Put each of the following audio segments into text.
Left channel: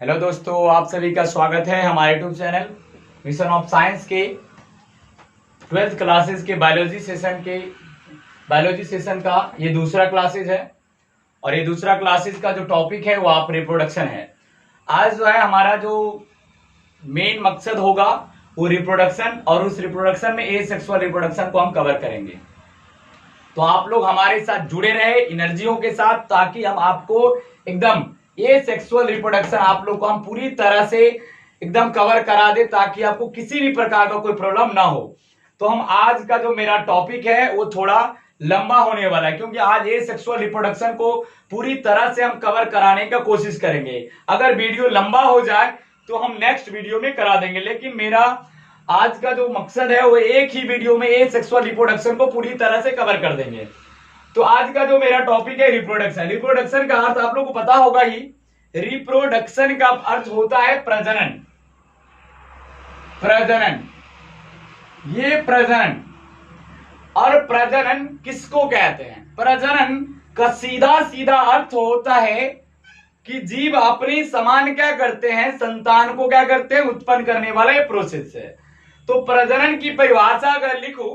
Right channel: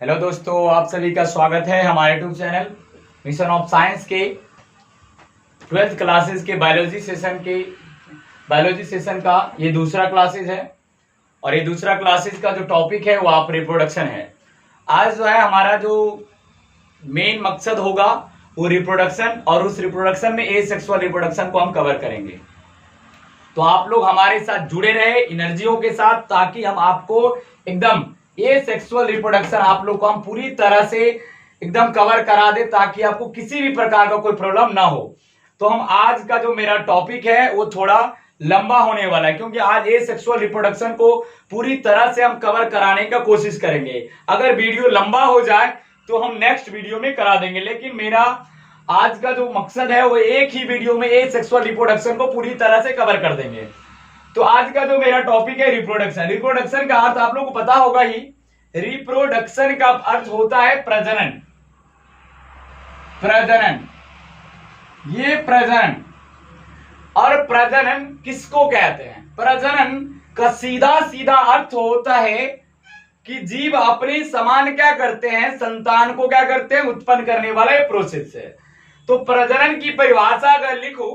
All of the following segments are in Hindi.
हेलो दोस्तों, आप सभी का स्वागत है हमारे YouTube channel mission of science के 12th क्लासेस के बायोलॉजी सेशन का ये दूसरा क्लासेस है। और ये दूसरा क्लासेस का जो टॉपिक है वो आप रिप्रोडक्शन है। आज जो है हमारा जो मेन मकसद होगा वो रिप्रोडक्शन, और उस रिप्रोडक्शन में एसेक्सुअल रिप्रोडक्शन को हम कवर करेंगे। तो आप लोग हमारे साथ जुड़े रहे एनर्जियों के साथ, ताकि हम आपको एकदम ये सेक्सुअल रिप्रोडक्शन आप लोग को हम पूरी तरह से एकदम कवर करा दे, ताकि आपको किसी भी प्रकार का कोई प्रॉब्लम ना हो। तो हम आज का जो मेरा टॉपिक है वो थोड़ा लंबा होने वाला है, क्योंकि आज ये सेक्सुअल रिप्रोडक्शन को पूरी तरह से हम कवर कराने का कोशिश करेंगे। अगर वीडियो लंबा हो जाए तो हम नेक्स्ट वीडियो में करा देंगे, लेकिन मेरा आज का जो मकसद है वो एक ही वीडियो में ये सेक्सुअल रिप्रोडक्शन को पूरी तरह से कवर कर देंगे। तो आज का जो मेरा टॉपिक है रिप्रोडक्शन। रिप्रोडक्शन का अर्थ आप लोग को पता होगा ही। रिप्रोडक्शन का अर्थ होता है प्रजनन। प्रजनन, ये प्रजनन। और प्रजनन किसको कहते हैं? प्रजनन का सीधा सीधा अर्थ होता है कि जीव अपनी समान क्या करते हैं, संतान को क्या करते हैं, उत्पन्न करने वाला ये प्रोसेस है। तो प्रजनन की परिभाषा अगर लिखूं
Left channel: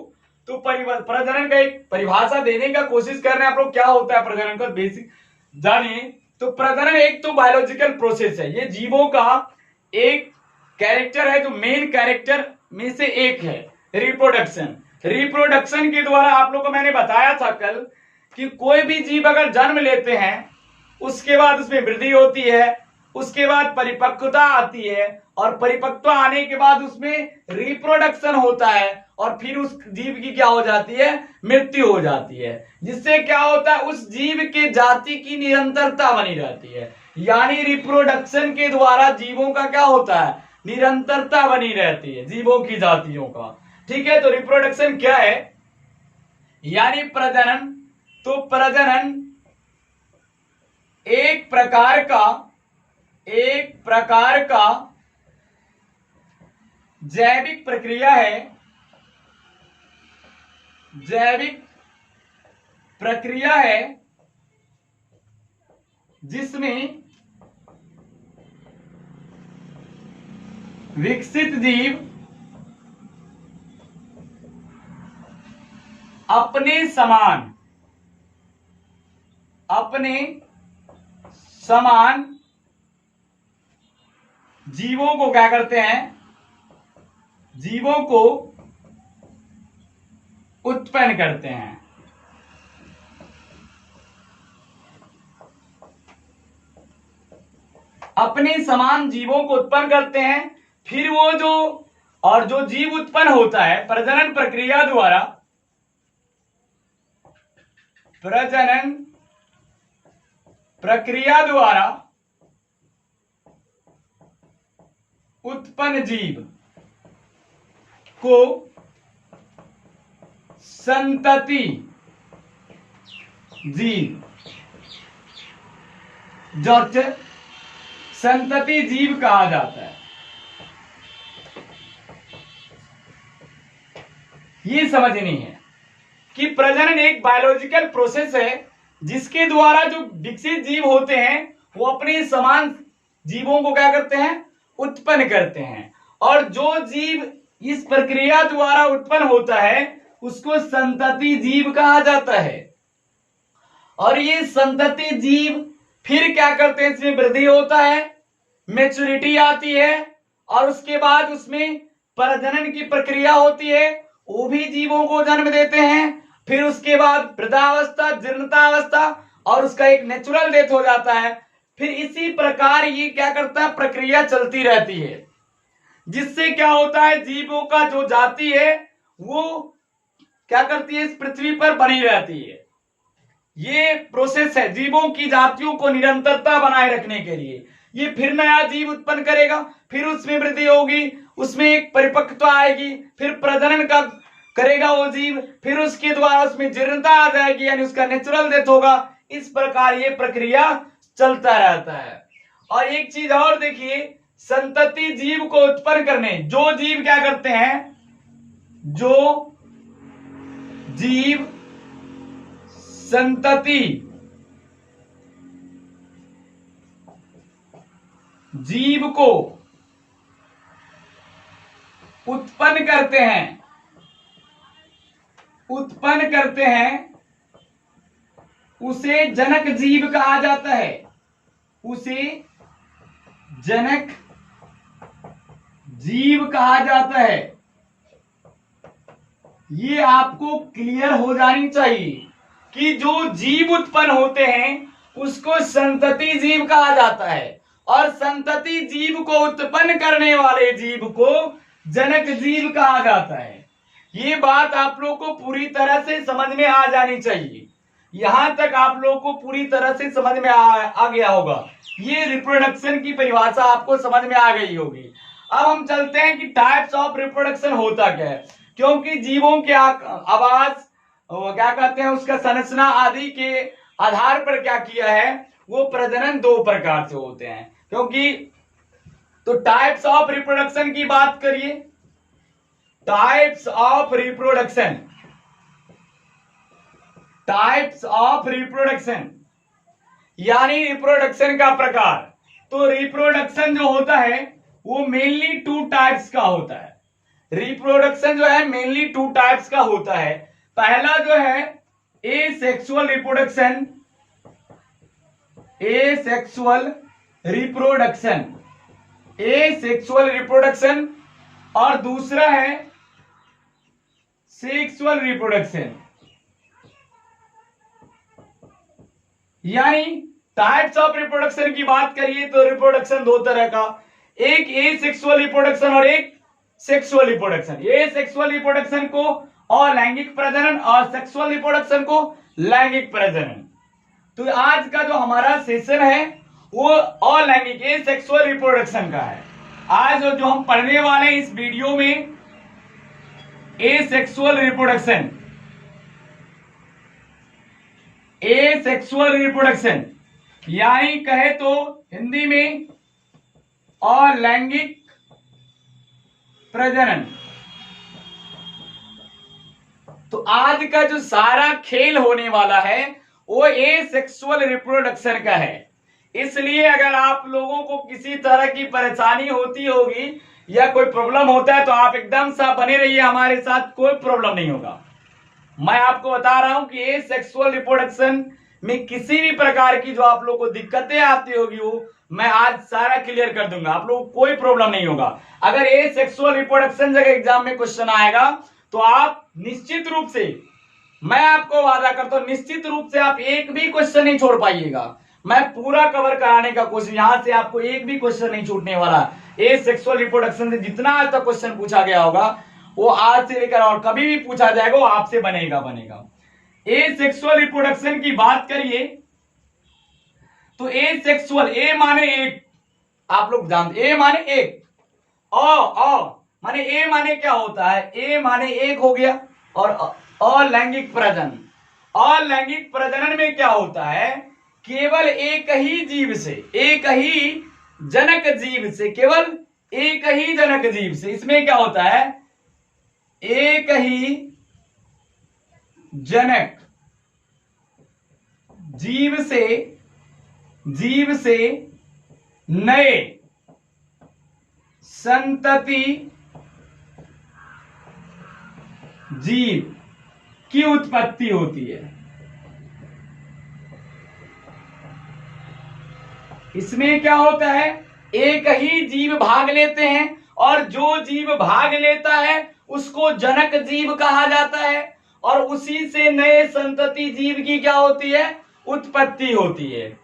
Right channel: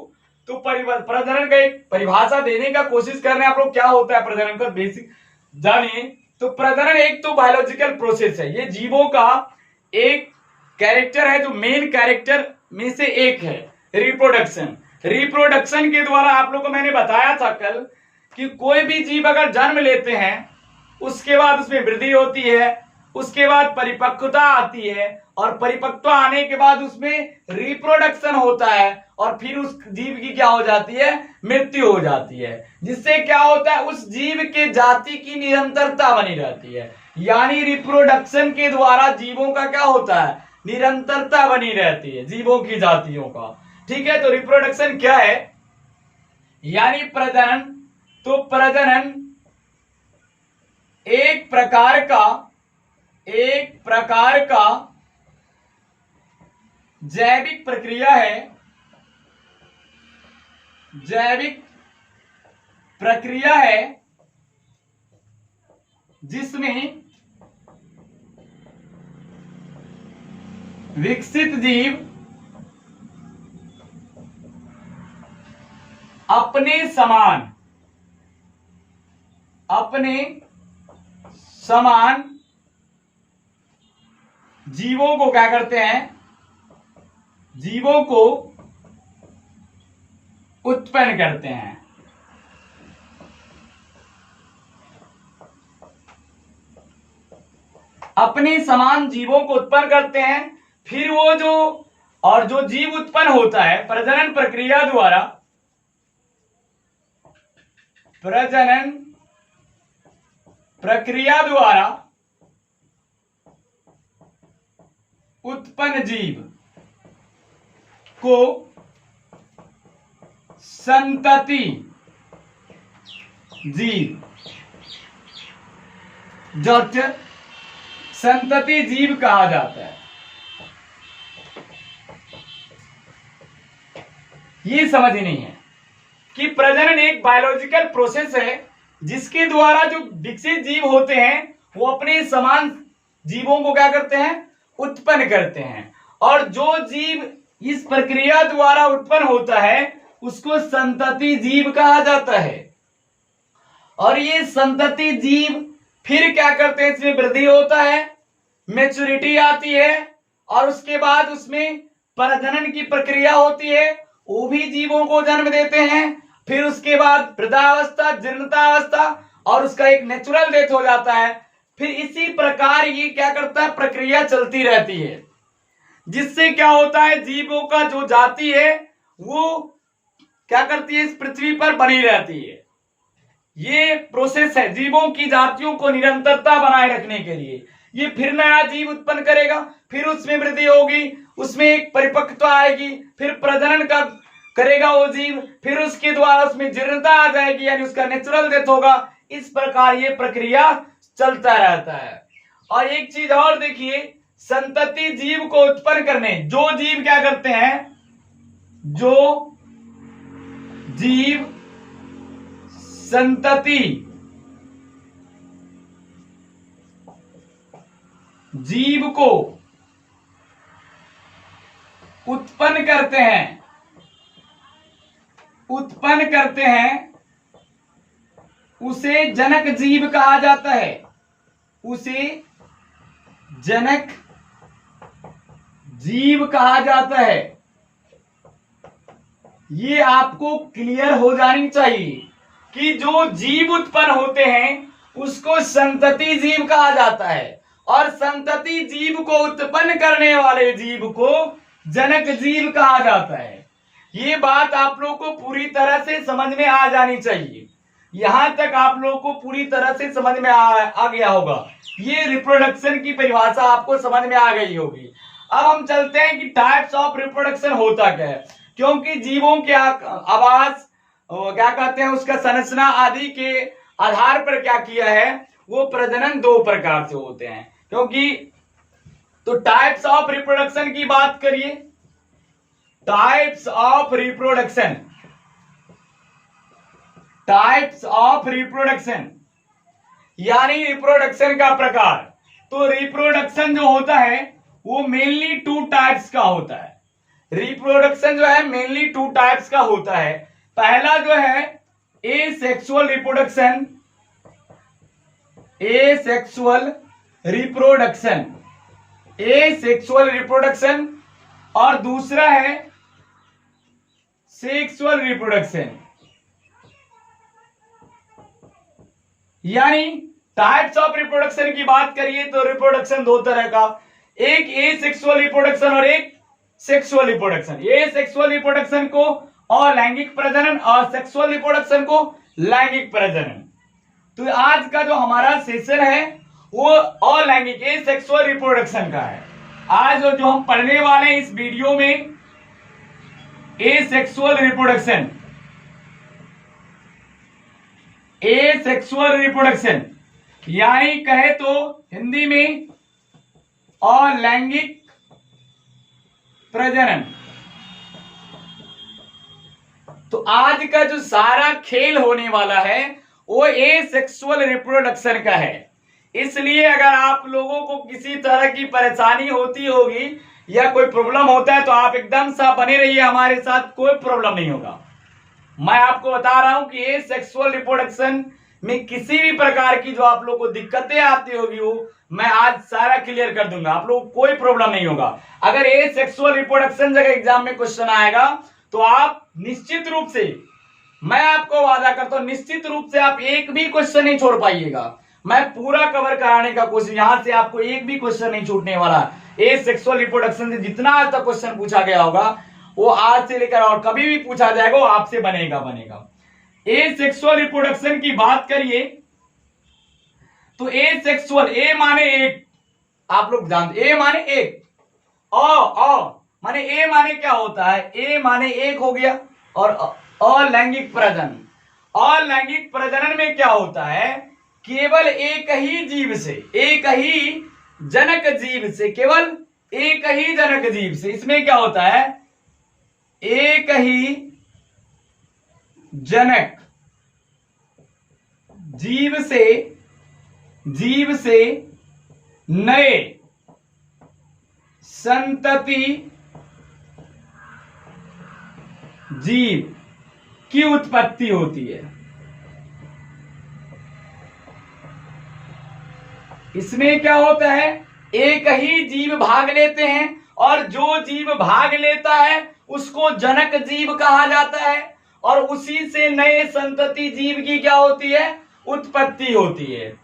तो प्रजनन का एक परिभाषा देने का कोशिश कर रहे हैं आप लोग। क्या होता है प्रजनन का बेसिक जानिए। तो प्रजनन एक तो बायोलॉजिकल प्रोसेस है, ये जीवों का एक कैरेक्टर है, जो मेन कैरेक्टर में से एक है रिप्रोडक्शन। रिप्रोडक्शन के द्वारा आप लोग को मैंने बताया था कल कि कोई भी जीव अगर जन्म लेते हैं, उसके बाद उसमें वृद्धि होती है, उसके बाद परिपक्वता आती है, और परिपक्वता आने के बाद उसमें रिप्रोडक्शन होता है, और फिर उस जीव की क्या हो जाती है, मृत्यु हो जाती है। जिससे क्या होता है, उस जीव के जाति की निरंतरता बनी रहती है। यानी रिप्रोडक्शन के द्वारा जीवों का क्या होता है, निरंतरता बनी रहती है जीवों की जातियों का। ठीक है, तो रिप्रोडक्शन क्या है, यानी प्रजनन। तो प्रजनन एक प्रकार का जैविक प्रक्रिया है। जैविक प्रक्रिया है जिसमें विकसित जीव अपने समान जीवों को क्या करते हैं, जीवों को उत्पन्न करते हैं। अपने समान जीवों को उत्पन्न करते हैं। फिर वो जो जीव उत्पन्न होता है प्रजनन प्रक्रिया द्वारा, प्रजनन प्रक्रिया द्वारा उत्पन्न जीव को संतति जीव, संतति जीव कहा जाता है। ये समझनी है कि प्रजनन एक बायोलॉजिकल प्रोसेस है, जिसके द्वारा जो विकसित जीव होते हैं वो अपने समान जीवों को क्या करते हैं, उत्पन्न करते हैं। और जो जीव इस प्रक्रिया द्वारा उत्पन्न होता है उसको संतति जीव कहा जाता है। और ये संतति जीव फिर क्या करते हैं, इसमें वृद्धि होता है, मैच्योरिटी आती है, और उसके बाद उसमें प्रजनन की प्रक्रिया होती है, वो भी जीवों को जन्म देते हैं। फिर उसके बाद वृद्धावस्था, जीर्णतावस्था, और उसका एक नेचुरल डेथ हो जाता है। फिर इसी प्रकार ये क्या करता है, प्रक्रिया चलती रहती है, जिससे क्या होता है, जीवों का जो जाति है वो क्या करती है, इस पृथ्वी पर बनी रहती है। ये प्रोसेस है जीवों की जातियों को निरंतरता बनाए रखने के लिए। ये फिर नया जीव उत्पन्न करेगा, फिर उसमें वृद्धि होगी, उसमें एक परिपक्वता आएगी, फिर प्रजनन का करेगा वो जीव, फिर उसके द्वारा उसमें जीर्णता आ जाएगी, यानी उसका नेचुरल डेथ होगा। इस प्रकार ये प्रक्रिया चलता रहता है। और एक चीज और देखिए, संतति जीव को उत्पन्न करने जो जीव क्या करते हैं, जो जीव संतति जीव को उत्पन्न करते हैं उसे जनक जीव कहा जाता है। उसे जनक जीव कहा जाता है। ये आपको क्लियर हो जानी चाहिए कि जो जीव उत्पन्न होते हैं उसको संतति जीव कहा जाता है और संतति जीव को उत्पन्न करने वाले जीव को जनक जीव कहा जाता है। ये बात आप लोग को पूरी तरह से समझ में आ जानी चाहिए। यहां तक आप लोग को पूरी तरह से समझ में आ गया होगा। ये रिप्रोडक्शन की परिभाषा आपको समझ में आ गई होगी। अब हम चलते हैं कि टाइप्स ऑफ रिप्रोडक्शन होता क्या है, क्योंकि जीवों के आवास क्या कहते हैं उसका संरचना आदि के आधार पर क्या किया है, वो प्रजनन दो प्रकार से होते हैं। क्योंकि तो टाइप्स ऑफ रिप्रोडक्शन की बात करिए। टाइप्स ऑफ रिप्रोडक्शन यानी रिप्रोडक्शन का प्रकार। तो रिप्रोडक्शन जो होता है वो मेनली टू टाइप्स का होता है। रिप्रोडक्शन जो है मेनली टू टाइप्स का होता है। पहला जो है एसेक्सुअल रिप्रोडक्शन, एसेक्सुअल रिप्रोडक्शन और दूसरा है सेक्सुअल रिप्रोडक्शन। यानी टाइप्स ऑफ रिप्रोडक्शन की बात करिए तो रिप्रोडक्शन दो तरह का, एक एसेक्सुअल रिप्रोडक्शन और एक सेक्सुअल रिप्रोडक्शन। एसेक्सुअल रिप्रोडक्शन को अलैंगिक प्रजनन और सेक्सुअल रिप्रोडक्शन को लैंगिक प्रजनन। तो आज का जो हमारा सेशन है वो अलैंगिक एसेक्सुअल रिप्रोडक्शन का है। आज जो हम पढ़ने वाले हैं इस वीडियो में एसेक्सुअल रिप्रोडक्शन, एसेक्सुअल रिप्रोडक्शन यानी कहे तो हिंदी में अलैंगिक प्रजनन। तो आज का जो सारा खेल होने वाला है वो एसेक्सुअल रिप्रोडक्शन का है। इसलिए अगर आप लोगों को किसी तरह की परेशानी होती होगी या कोई प्रॉब्लम होता है तो आप एकदम सा बने रहिए हमारे साथ, कोई प्रॉब्लम नहीं होगा। मैं आपको बता रहा हूं कि एसेक्सुअल रिप्रोडक्शन में किसी भी प्रकार की जो आप लोगों को दिक्कतें आती होगी वो मैं आज सारा क्लियर कर दूंगा। आप लोग कोई प्रॉब्लम नहीं होगा। अगर एसेक्सुअल रिप्रोडक्शन जगह एग्जाम में क्वेश्चन आएगा तो आप निश्चित रूप से, मैं आपको वादा करता हूं, निश्चित रूप से आप एक भी क्वेश्चन नहीं छोड़ पाइएगा। मैं पूरा कवर कराने का कोशिश, यहां से आपको एक भी क्वेश्चन नहीं छूटने वाला। एसेक्सुअल रिप्रोडक्शन से जितना आज तक क्वेश्चन पूछा गया होगा वो आज से लेकर और कभी भी पूछा जाएगा वो आपसे बनेगा। एसेक्सुअल रिप्रोडक्शन की बात करिए तो एसेक्सुअल, ए माने एक, आप लोग जानते ए माने एक, माने ए माने क्या होता है, ए माने एक हो गया। और अलैंगिक प्रजनन, अलैंगिक प्रजनन में क्या होता है, केवल एक ही जीव से, एक ही जनक जीव से, केवल एक ही जनक जीव से। इसमें क्या होता है, एक ही जनक जीव से नए संतति जीव की उत्पत्ति होती है। इसमें क्या होता है, एक ही जीव भाग लेते हैं और जो जीव भाग लेता है उसको जनक जीव कहा जाता है और उसी से नए संतति जीव की क्या होती है, उत्पत्ति होती है।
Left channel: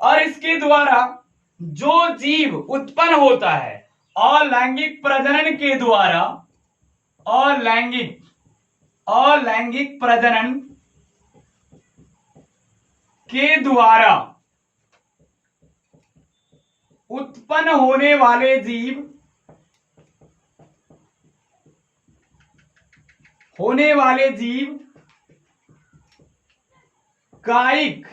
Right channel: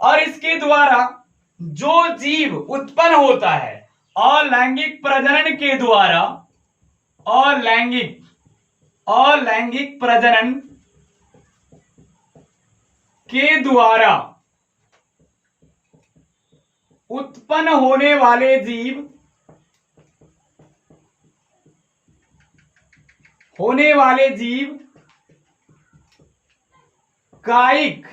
और इसके द्वारा जो जीव उत्पन्न होता है अलैंगिक प्रजनन के द्वारा, अलैंगिक प्रजनन के द्वारा उत्पन्न होने वाले जीव कायिक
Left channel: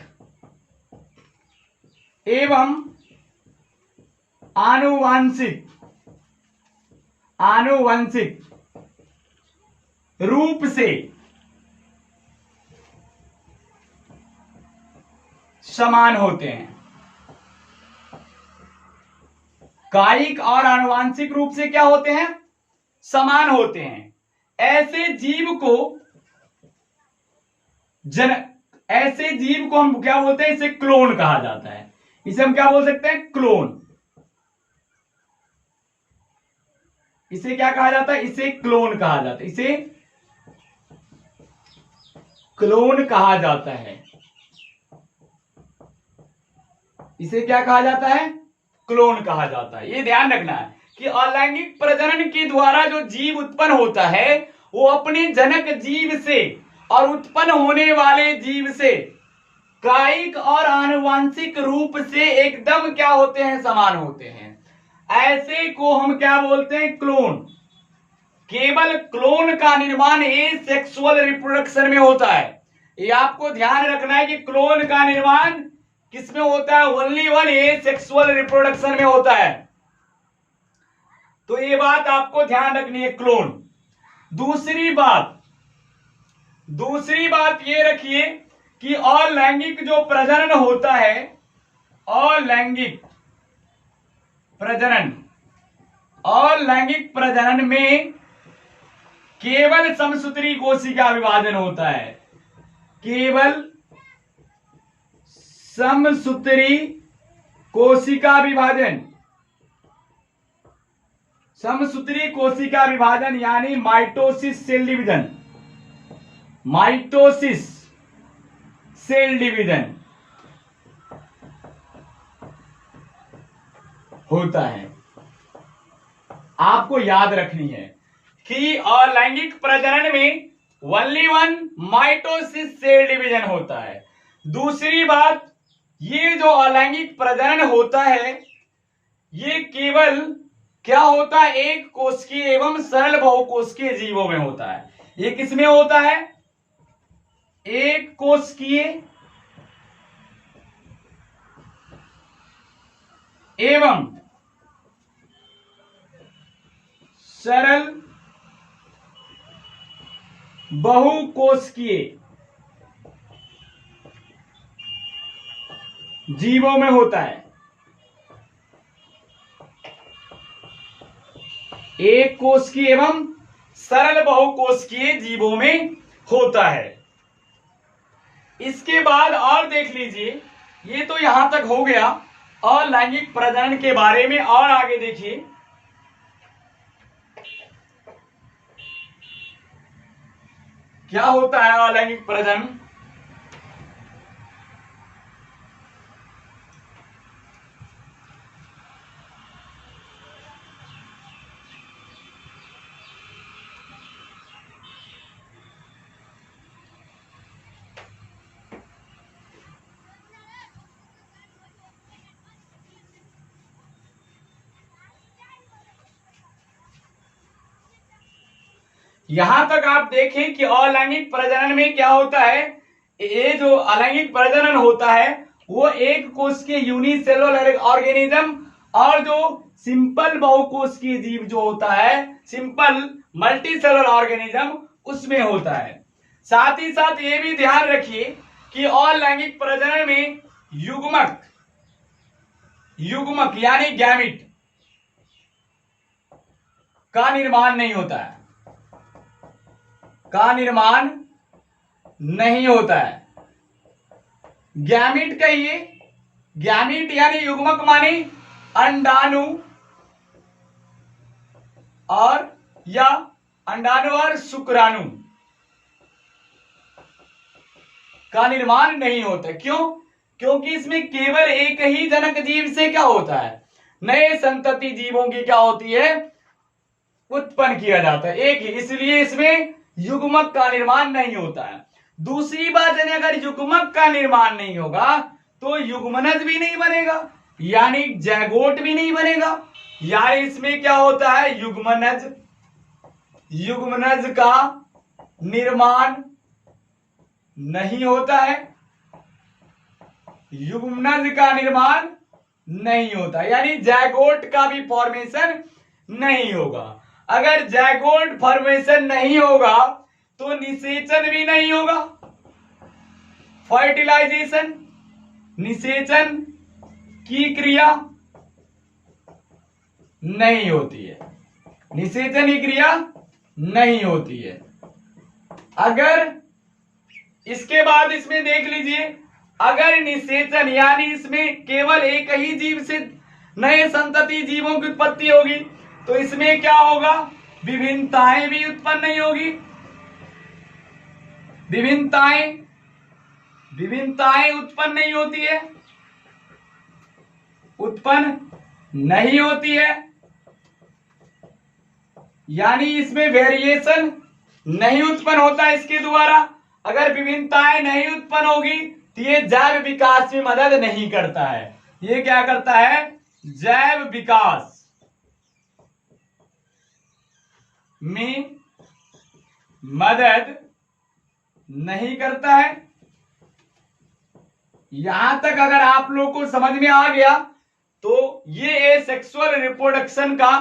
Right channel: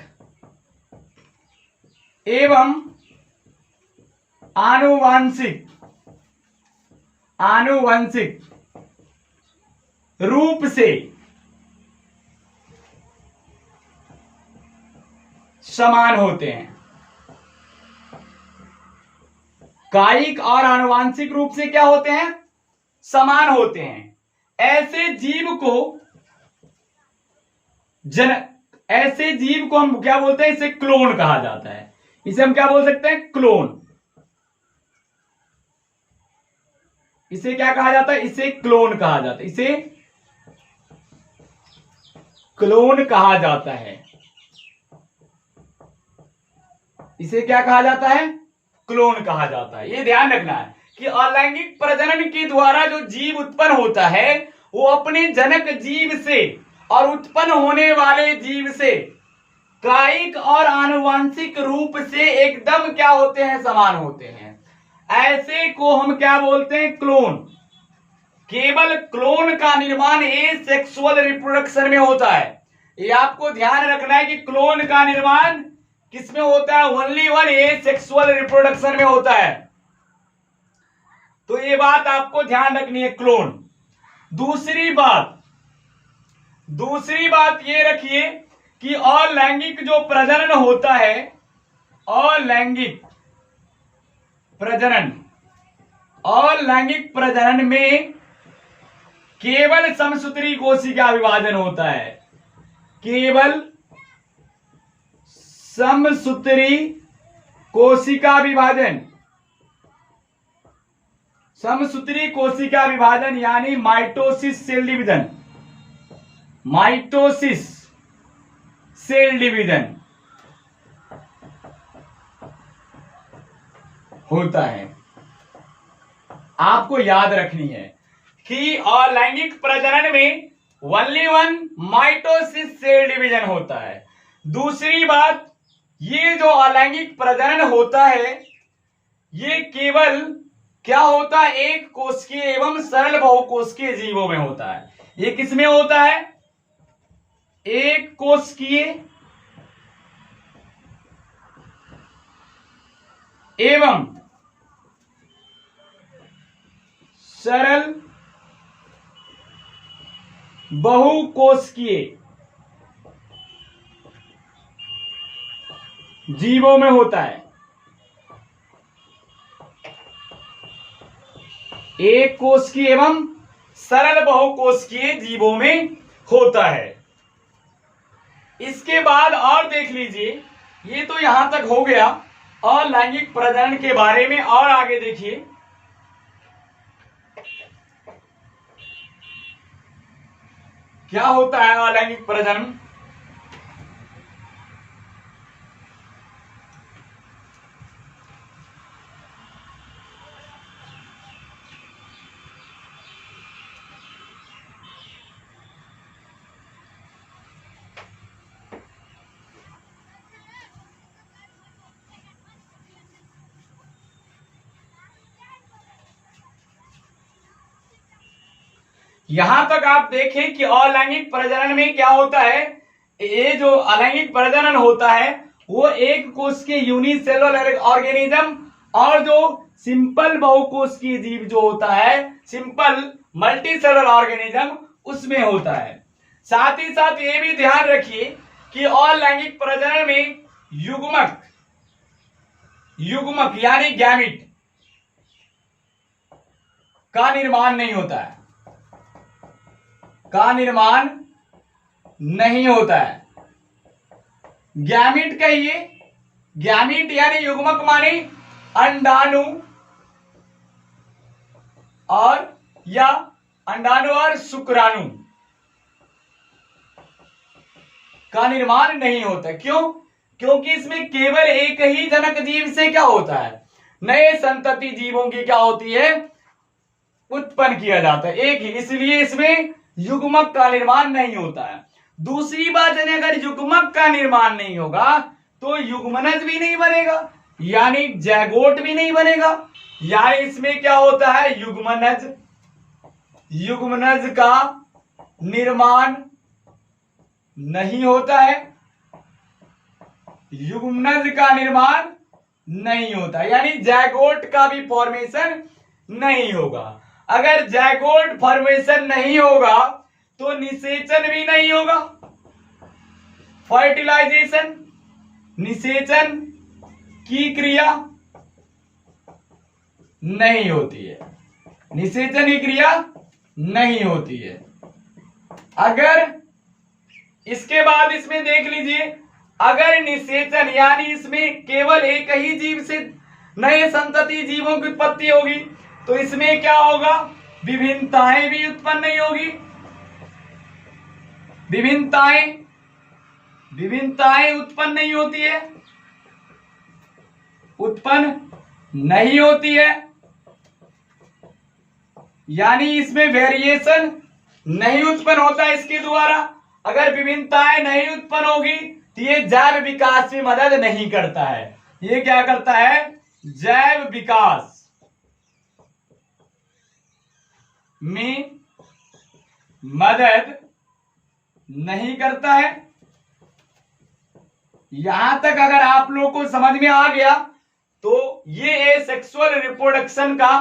एवं आनुवंशिक रूप से समान होते हैं। कायिक और आनुवांशिक रूप से क्या होते हैं, समान होते हैं। ऐसे जीव को हम क्या बोलते हैं, इसे क्लोन कहा जाता है। इसे हम क्या बोल सकते हैं, क्लोन। इसे क्या कहा जाता है, इसे क्लोन कहा जाता है, इसे क्लोन कहा जाता है। इसे क्या कहा जाता है, क्लोन कहा जाता है। ये ध्यान रखना है कि अलैंगिक प्रजनन के द्वारा जो जीव उत्पन्न होता है वो अपने जनक जीव से और उत्पन्न होने वाले जीव से कायिक और आनुवंशिक रूप से एकदम क्या होते हैं, समान होते हैं। ऐसे को हम क्या बोलते हैं, क्लोन। केवल क्लोन का निर्माण एसेक्सुअल रिप्रोडक्शन में होता है। ये आपको ध्यान रखना है कि क्लोन का निर्माण किसमें होता है, ओनली वन एसेक्सुअल रिप्रोडक्शन में होता है। तो ये बात आपको ध्यान रखनी है, क्लोन। दूसरी बात ये रखिए कि अलैंगिक जो प्रजनन होता है, अलैंगिक प्रजनन में केवल समसूत्री कोशिका विभाजन होता है। केवल समसूत्री कोशिका विभाजन यानी माइटोसिस सेल डिवीजन होता है। आपको याद रखनी है कि अलैंगिक प्रजनन में only one mitosis cell division होता है। दूसरी बात, ये जो अलैंगिक प्रजनन होता है ये केवल क्या होता है, एक कोशिकीय एवं सरल बहुकोशिकीय जीवों में होता है। ये किसमें होता है, एक कोशिकीय एवं सरल बहुकोशिकीय जीवों में होता है। एक कोशिकीय एवं सरल बहुकोशिकीय जीवों में होता है। इसके बाद और देख लीजिए, ये तो यहां तक हो गया अलैंगिक प्रजनन के बारे में। और आगे देखिए, क्या होता है अलैंगिक प्रजनन। यहां तक आप देखें कि अलैंगिक प्रजनन में क्या होता है, ये जो अलैंगिक प्रजनन होता है वो एक कोश के यूनिसेलुलर ऑर्गेनिज्म और जो सिंपल बहुकोशिकीय जीव जो होता है, सिंपल मल्टीसेलुलर ऑर्गेनिज्म, उसमें होता है। साथ ही साथ ये भी ध्यान रखिए कि अलैंगिक प्रजनन में युग्मक यानी गैमिट का निर्माण नहीं होता है, गैमिट कहिए, गैमिट यानी युग्मक माने अंडाणु और शुक्राणु का निर्माण नहीं होता। क्यों? क्योंकि इसमें केवल एक ही जनक जीव से क्या होता है, नए संतति जीवों की क्या होती है, उत्पन्न किया जाता है, एक ही, इसलिए इसमें युग्मक का निर्माण नहीं होता है। दूसरी बात है, अगर युग्मक का निर्माण नहीं होगा तो युग्मनज भी नहीं बनेगा, यानी जैगोट भी नहीं बनेगा। यानी इसमें क्या होता है, युग्मनज का निर्माण नहीं होता है, युग्मनज का निर्माण नहीं होता, यानी जैगोट का भी फॉर्मेशन नहीं होगा। अगर जैगोट फॉर्मेशन नहीं होगा तो निषेचन भी नहीं होगा, फर्टिलाइजेशन, निषेचन की क्रिया नहीं होती है, निषेचन की क्रिया नहीं होती है। अगर इसके बाद इसमें देख लीजिए, अगर निषेचन यानी इसमें केवल एक ही जीव से नए संतति जीवों की उत्पत्ति होगी तो इसमें क्या होगा, विभिन्नताएं भी उत्पन्न नहीं होगी। विभिन्नताएं उत्पन्न नहीं होती है, उत्पन्न नहीं होती है, यानी इसमें वेरिएशन नहीं उत्पन्न होता इसके द्वारा। अगर विभिन्नताएं नहीं उत्पन्न होगी तो ये जैव विकास में मदद नहीं करता है। ये क्या करता है, जैव विकास में मदद नहीं करता है। यहां तक अगर आप लोगों को समझ में आ गया तो ये एसेक्सुअल रिप्रोडक्शन का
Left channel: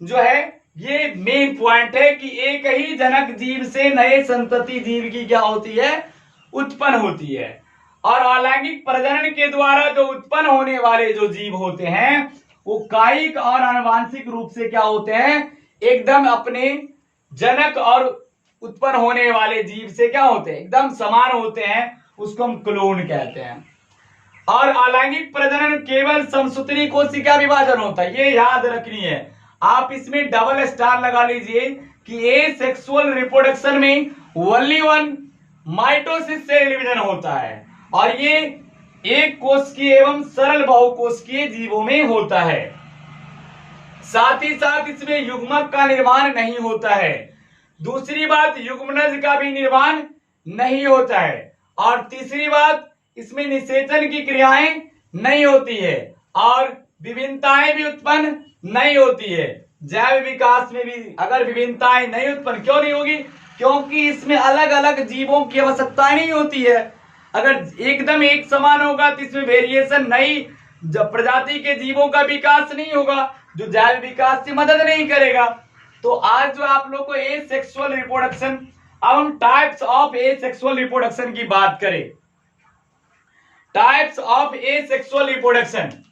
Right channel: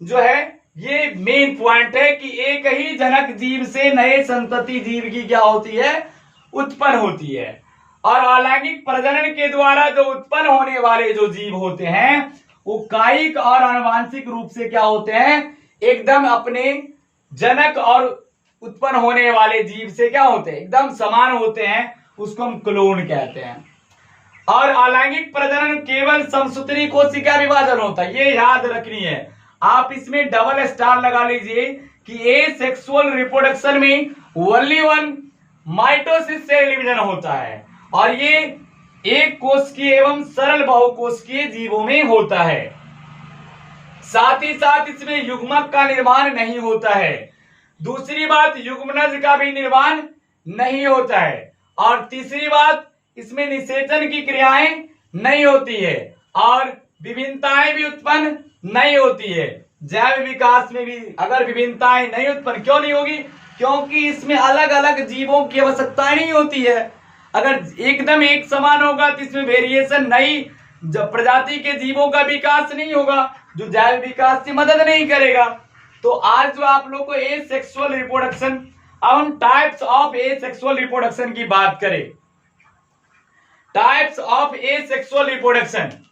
जो है ये मेन पॉइंट है कि एक ही जनक जीव से नए संतति जीव की क्या होती है, उत्पन्न होती है। और अलैंगिक प्रजनन के द्वारा जो उत्पन्न होने वाले जो जीव होते हैं वो कायिक और आनुवांशिक रूप से क्या होते हैं, एकदम अपने जनक और उत्पन्न होने वाले जीव से क्या होते हैं, एकदम समान होते हैं। उसको हम क्लोन कहते हैं। और अलैंगिक प्रजनन केवल समसूत्री कोशिका विभाजन होता है, ये याद रखनी है। आप इसमें डबल स्टार लगा लीजिए कि एसेक्सुअल रिप्रोडक्शन में ओनली वन माइटोसिस से डिवीजन होता है और ये एक कोशिकीय एवं सरल बहुकोशिकीय जीवों में होता है। साथ ही साथ इसमें युग्मक का निर्माण नहीं होता है। दूसरी बात, युग्मनज का भी निर्माण नहीं होता है। और तीसरी बात, इसमें निषेचन की क्रियाएं नहीं होती है और विभिन्नताएं भी उत्पन्न नहीं होती है। जैव विकास में भी अगर विभिन्नताएं नहीं उत्पन्न क्यों नहीं होगी, क्योंकि इसमें अलग अलग जीवों की आवश्यकता नहीं होती है। अगर एकदम एक समान होगा तो इसमें वेरिएशन नहीं, जब प्रजाति के जीवों का विकास नहीं होगा जो जैव विकास से मदद नहीं करेगा। तो आज जो आप लोग को एसेक्सुअल रिप्रोडक्शन, अब हम टाइप्स ऑफ एसेक्सुअल रिप्रोडक्शन की बात करें। Types of asexual reproduction,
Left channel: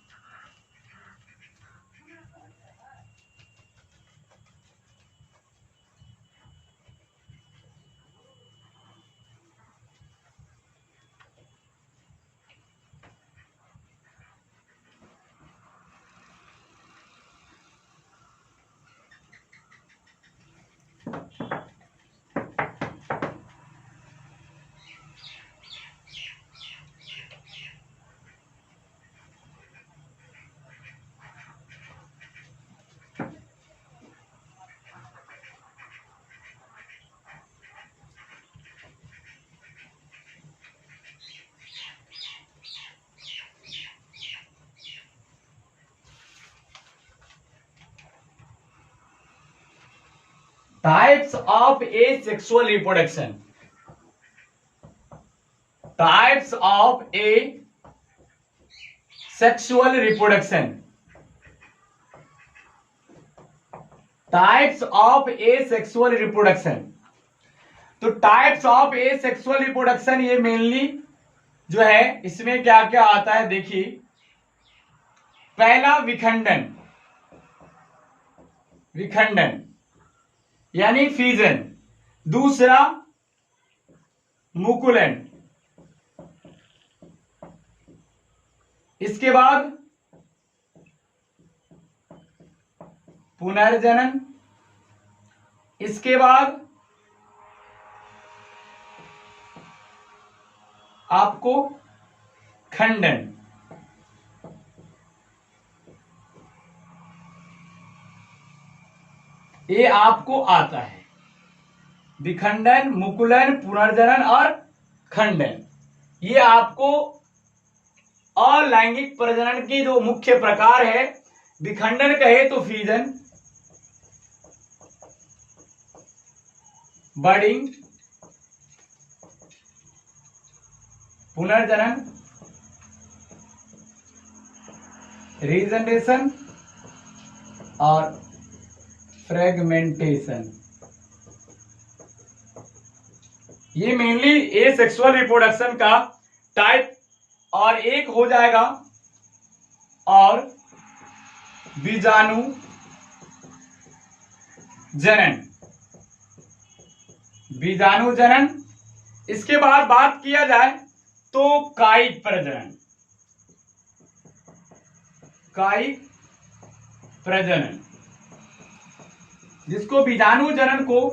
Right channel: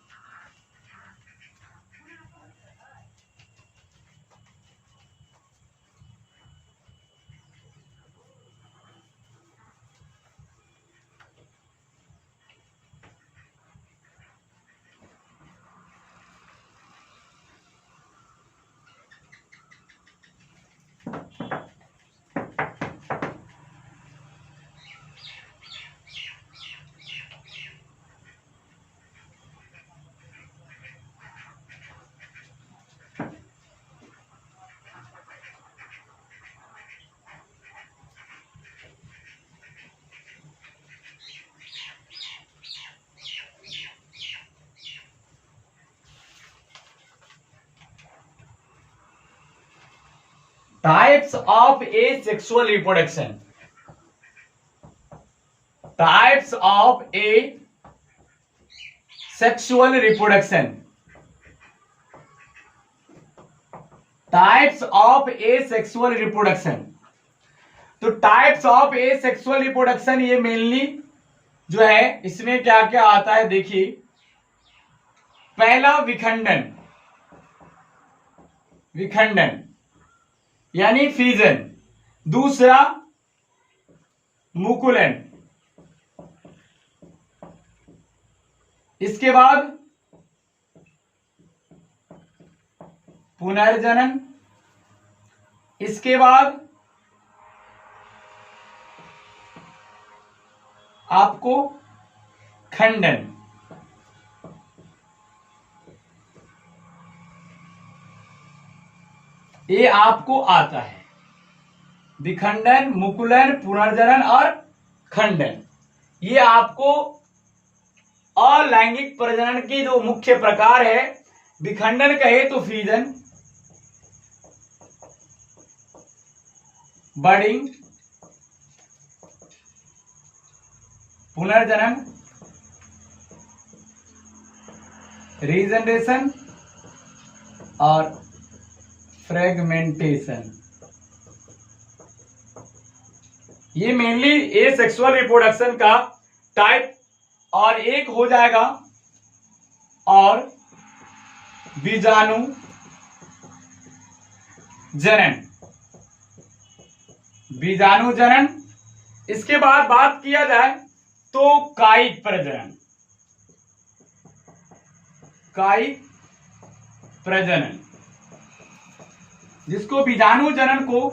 types of asexual reproduction, types of asexual reproduction, types of asexual reproduction. तो types of asexual reproduction ये मेनली जो है इसमें क्या क्या आता है देखिए। पहला विखंडन, विखंडन यानी फ्यूजन। दूसरा मुकुलन, इसके बाद पुनर्जनन, इसके बाद आपको खंडन। ये आपको आता है, विखंडन, मुकुलन, पुनर्जनन और खंडन। ये आपको अलैंगिक प्रजनन की जो मुख्य प्रकार है। विखंडन कहे तो फ्यूजन, बर्डिंग, पुनर्जनन, रीजनरेशन और फ्रेगमेंटेशन। ये मेनली एसेक्सुअल रिप्रोडक्शन का टाइप। और एक हो जाएगा और बीजाणु जनन, बीजाणु जनन। इसके बाद बात किया जाए तो कायिक प्रजनन, कायिक प्रजनन, जिसको बीजाणु जनन को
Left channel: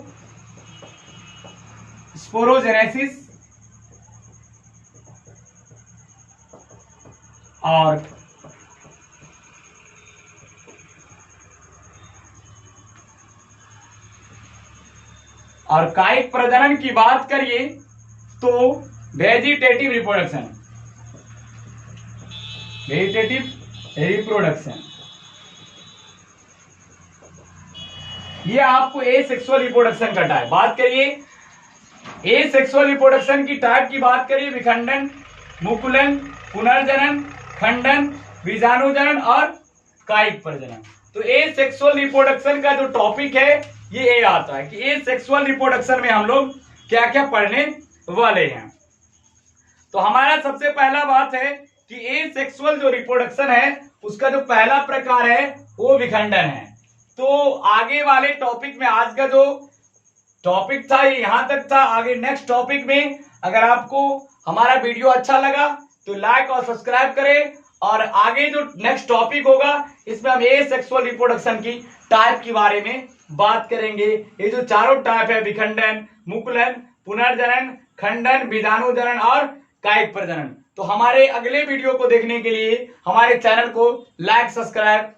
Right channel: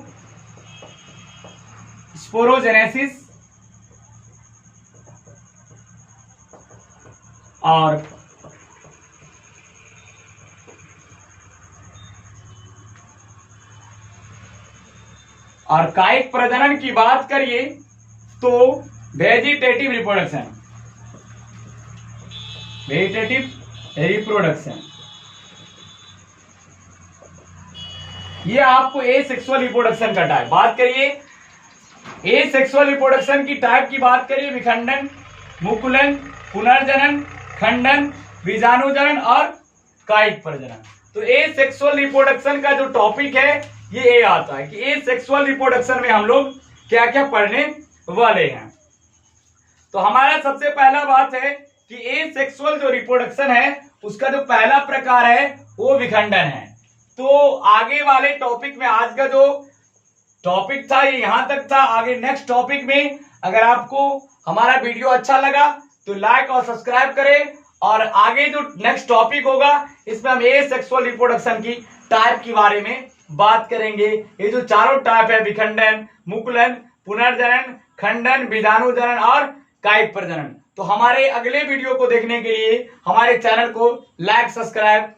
स्पोरोजेनेसिस और कायिक प्रजनन की बात करिए तो वेजिटेटिव रिप्रोडक्शन, वेजिटेटिव रिप्रोडक्शन, ये आपको एसेक्सुअल रिप्रोडक्शन का टाइप। बात करिए एसेक्सुअल रिप्रोडक्शन की टाइप की बात करिए, विखंडन, मुकुलन, पुनर्जनन, खंडन, बीजाणु जनन और कायिक प्रजनन। तो एसेक्सुअल रिप्रोडक्शन का जो टॉपिक है ये ए आता है कि एसेक्सुअल रिप्रोडक्शन में हम लोग क्या क्या पढ़ने वाले हैं। तो हमारा सबसे पहला बात है कि एसेक्सुअल जो रिप्रोडक्शन है उसका जो पहला प्रकार है वो विखंडन है। तो आगे वाले टॉपिक में, आज का जो टॉपिक था ये यहां तक था। आगे नेक्स्ट टॉपिक में अगर आपको हमारा वीडियो अच्छा लगा तो लाइक और सब्सक्राइब करें, और आगे जो नेक्स्ट टॉपिक होगा इसमें हम एसेक्सुअल रिप्रोडक्शन की टाइप के बारे में बात करेंगे। ये जो चारों टाइप है, विखंडन, मुकुलन, पुनर्जनन, खंडन, बीजाणु जनन और कायिक प्रजनन। तो हमारे अगले वीडियो को देखने के लिए हमारे चैनल को लाइक सब्सक्राइब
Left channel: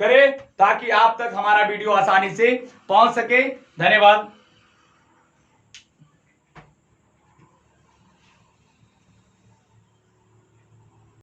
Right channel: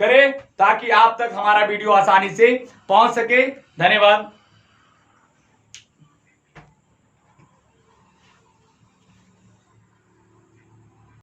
करें ताकि आप तक हमारा वीडियो आसानी से पहुंच सके। धन्यवाद।